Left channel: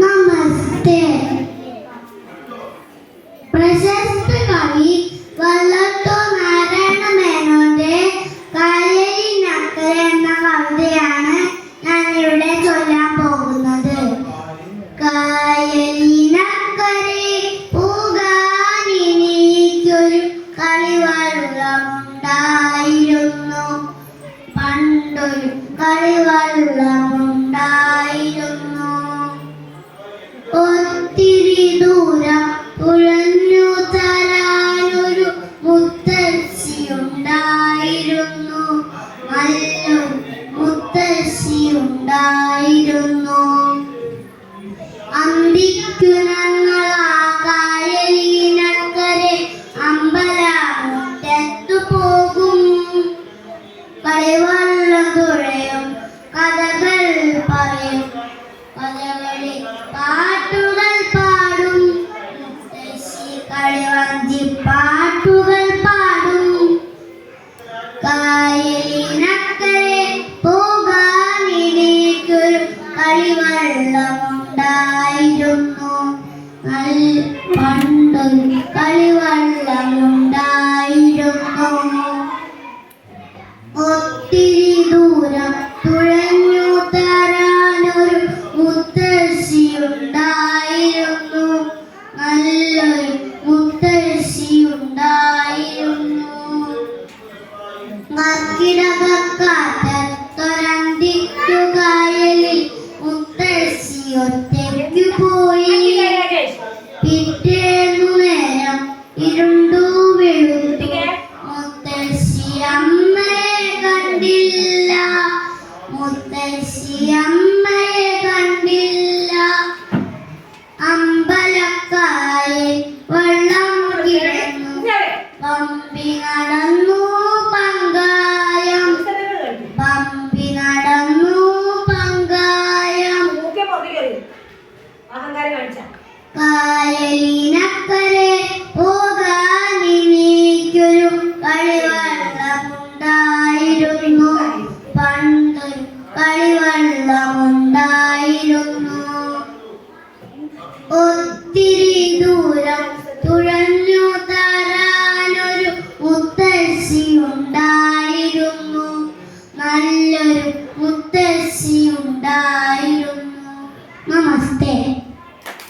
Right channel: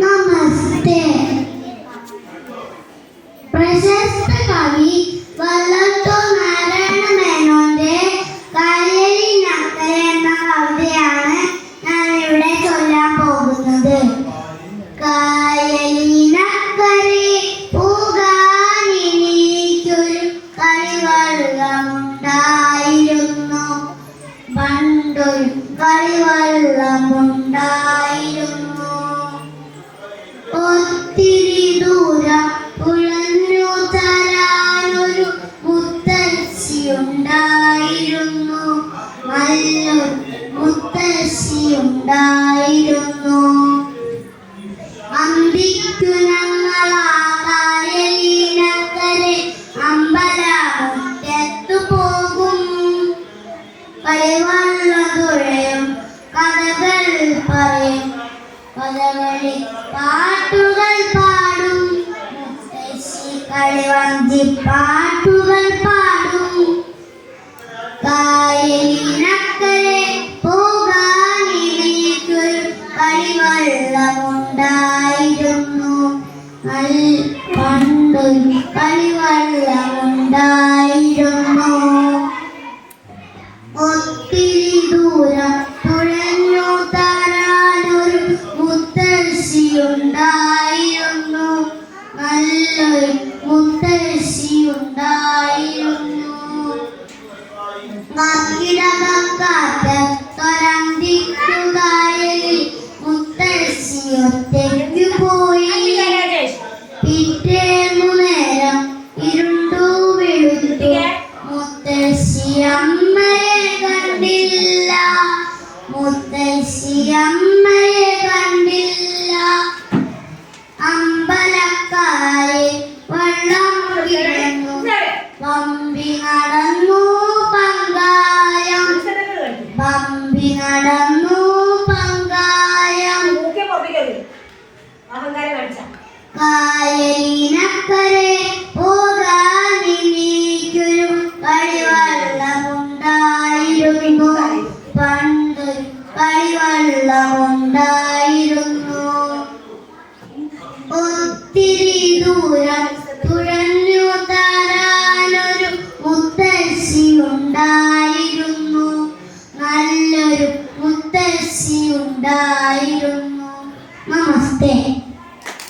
നമസ്തേ. പ്രശസ്ത കവി വള്ളത്തോൾ നാരായണ മേനോന്റെ കായലിനക്കരെ എന്ന കവിതയാണ് ഞാൻ ഇവിടെ ചൊല്ലാൻ പോകുന്നത്. കായലിനക്കരെ പോകാനെനിക്കൊരു കളിവള്ളമുണ്ടായിരുന്നു, പണ്ടൊരു കളിവള്ളമുണ്ടായിരുന്നു. ഒത്തിരി ദൂരം ഉഴഞ്ഞു തരാനൊരു മുത്തശ്ശിയുണ്ടായിരുന്നു, നല്ലൊരു മുത്തശ്ശിയുണ്ടായിരുന്നു. അന്തിക്കു ഞങ്ങൾ ആ കായലിനക്കരെ അമ്പലമുറ്റത്തു പോകും. കളിവള്ളം തുഴയും, കഥകൾ പറയും, കഥകളി പാട്ടുകൾ പാടും. മുത്തശ്ശി കളിവഞ്ചി പാട്ടുകൾ പാടും. കായലിനക്കരെ പോകാനെനിക്കൊരു കളിവള്ളം